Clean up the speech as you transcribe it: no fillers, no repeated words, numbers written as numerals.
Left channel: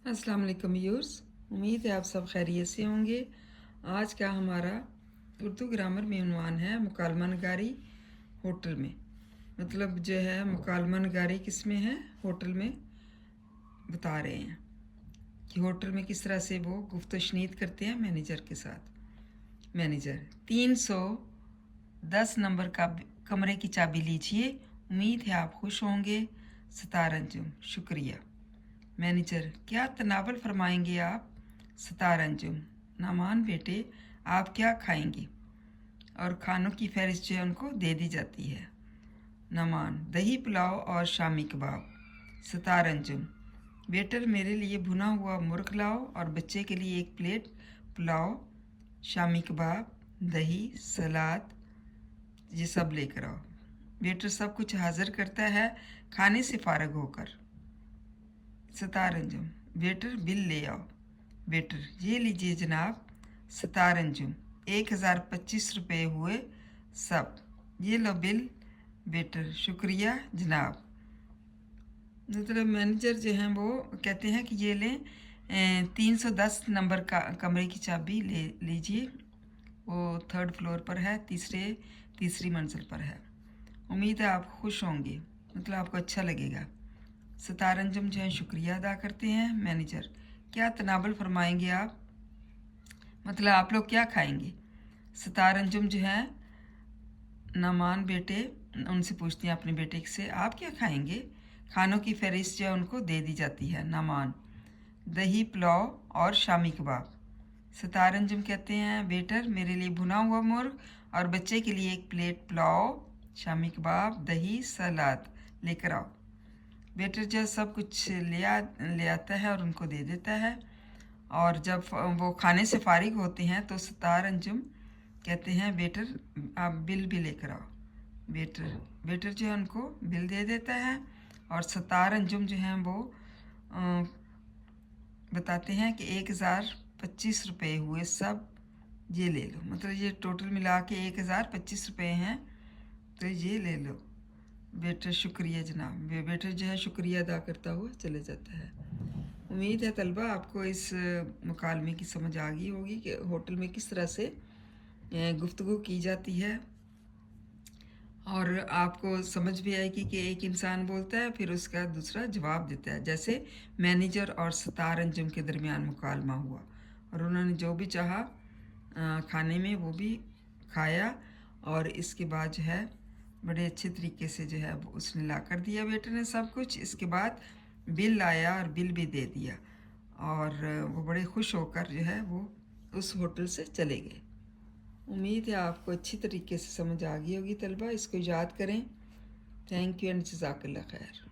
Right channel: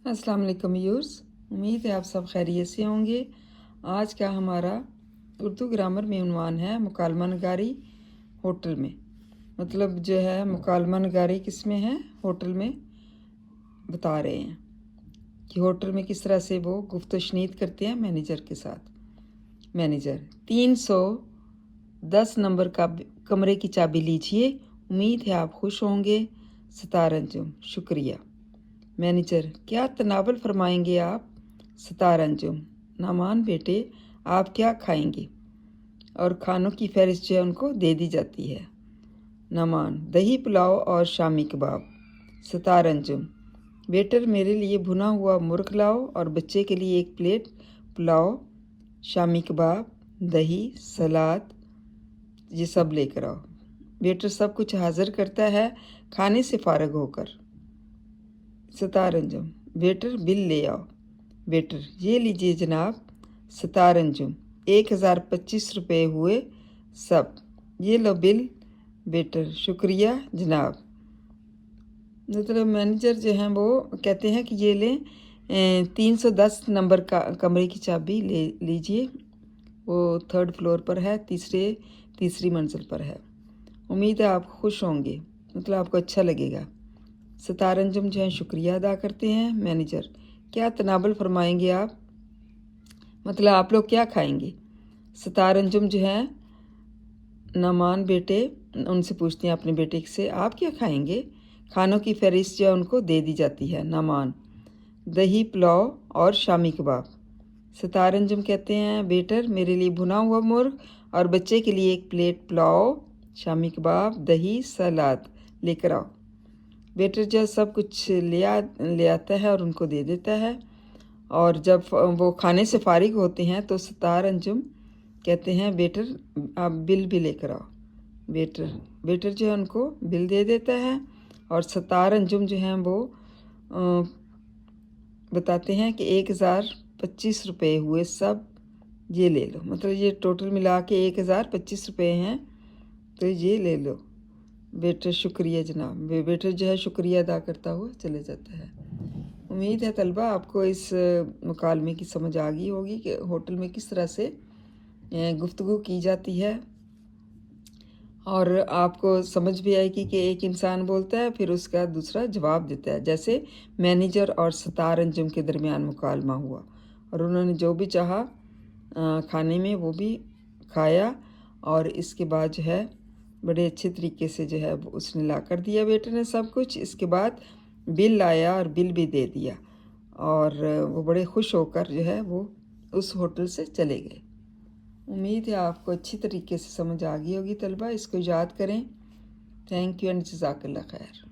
अस्सलाम वालेकुम व्यूअर्स, उम्मीद है आप सब खैरियत से होंगे। आज का हमारा उर्दू ग्रामर में उन्वान है मुकालमा नगारी होटल में। मतलब जो है मुकालमा नगारी किस में है, होटल में बता रहे हैं कि होटल में किस तरह से वो गुफ्त शनीद करते हैं मैनेजर के साथ। मैनेजर 310 नंबर का कमरे की चाबी लीजिए, उम्मीद है आप खुश होंगे। सितार अंजुम शुक्रिया। मैनेजर क्या तनावल फरमाएंगे आप? सितार अंजुम नामान बेटे आप क्या खाएंगे? और खानों की फहरिस्त जो है उनको दे दी जाती है। नामान दही पुलाव और शामी कबाब। सितार अंजुम वेटर मेरे लिए भुना हुआ मुर्ग लाओ और बच्चे के लिए एक प्लेट पुलाव, शामी कबाब, दही, सलाद ये सब लेकर आओ। वेटर सब कुछ हाजिर करता है खाने से फारग होकर। सितार अंजुम वेटर बिल ले आओ। वेटर ये लीजिए जनाब। सितार अंजुम 1025 रुपये हुए सब, ये लो बिल। वेटर शुक्रिया जनाब। मतलब मैनेजर जो हैं वो कहते हैं कि ये लें 310 नंबर का कमरे की चाबी ले लीजिए, वो 3rd फ्लोर पर है, तीसरी मंजिल पर है। उम्मीद है आप खुश होंगे, मतलब आपको अच्छा लगेगा। सितार अंजुम जो है शुक्रिया अदा करते हैं। मैनेजर क्या तनावल फरमाएंगे आप? मतलब आप लोग क्या खाएंगे? सितार अंजुम जो है नामान बेटे उनसे पूछते हैं अपने बेटे से आप क्या खाएंगे? खानों की फहरिस्त जो है उनको दे दी जाती है। नामान दही पुलाव और शामी कबाब। सितार अंजुम कहते हैं वेटर मेरे लिए भुना हुआ मुर्ग और बच्चे के लिए एक प्लेट पुलाव, शामी कबाब, दही, सलाद लेकर आओ। वेटर जो सब कुछ ले आता है और उनको दे देता है। और जब वो खाने से फारिग होते हैं तो सितार अंजुम कहते हैं वेटर आप बिल भी लेकर आओ। वेटर जो है उनको बिल दे देता है और सितार अंजुम जो हैं वो बताते हैं कि 1025 रुपये हुए सब, ये ले लो। मतलब ये टोटल मिला के 1025 रुपये हैं, तो ये ले लो। वेटर शुक्रिया जनाब। वेटर जो है शुक्रिया अदा करता हुआ चले जाता है। उम्मीद है तलबा आपको इस मुकालमे की समझ आ गई होगी कि होटल में किस तरह से गुफ्तगू की जाती है, और आपको समझ भी आएगी कि एक इंसान बोलता है फिर उसका दूसरा जवाब देता है। जैसे मैनेजर और सितार अंजुम के दरमियान मुकालमा हुआ और उन्होंने जो भी चाहा खाने में वो भी खाया, और इसके बाद जो है बड़े अच्छे तरीके से जो है उसने ला कर दिया वेटर ने सब कुछ। इसके बाद बिल लाया और बिल भी दे दिया, और वो बड़े खुश होकर जो है वो उस होटल से चले गए। उम्मीद है आपको अच्छी तरीके से समझ आ गई होगी तलबा। इसको याद करें। थैंक यू एंड जज़ाकल्लाह खैर।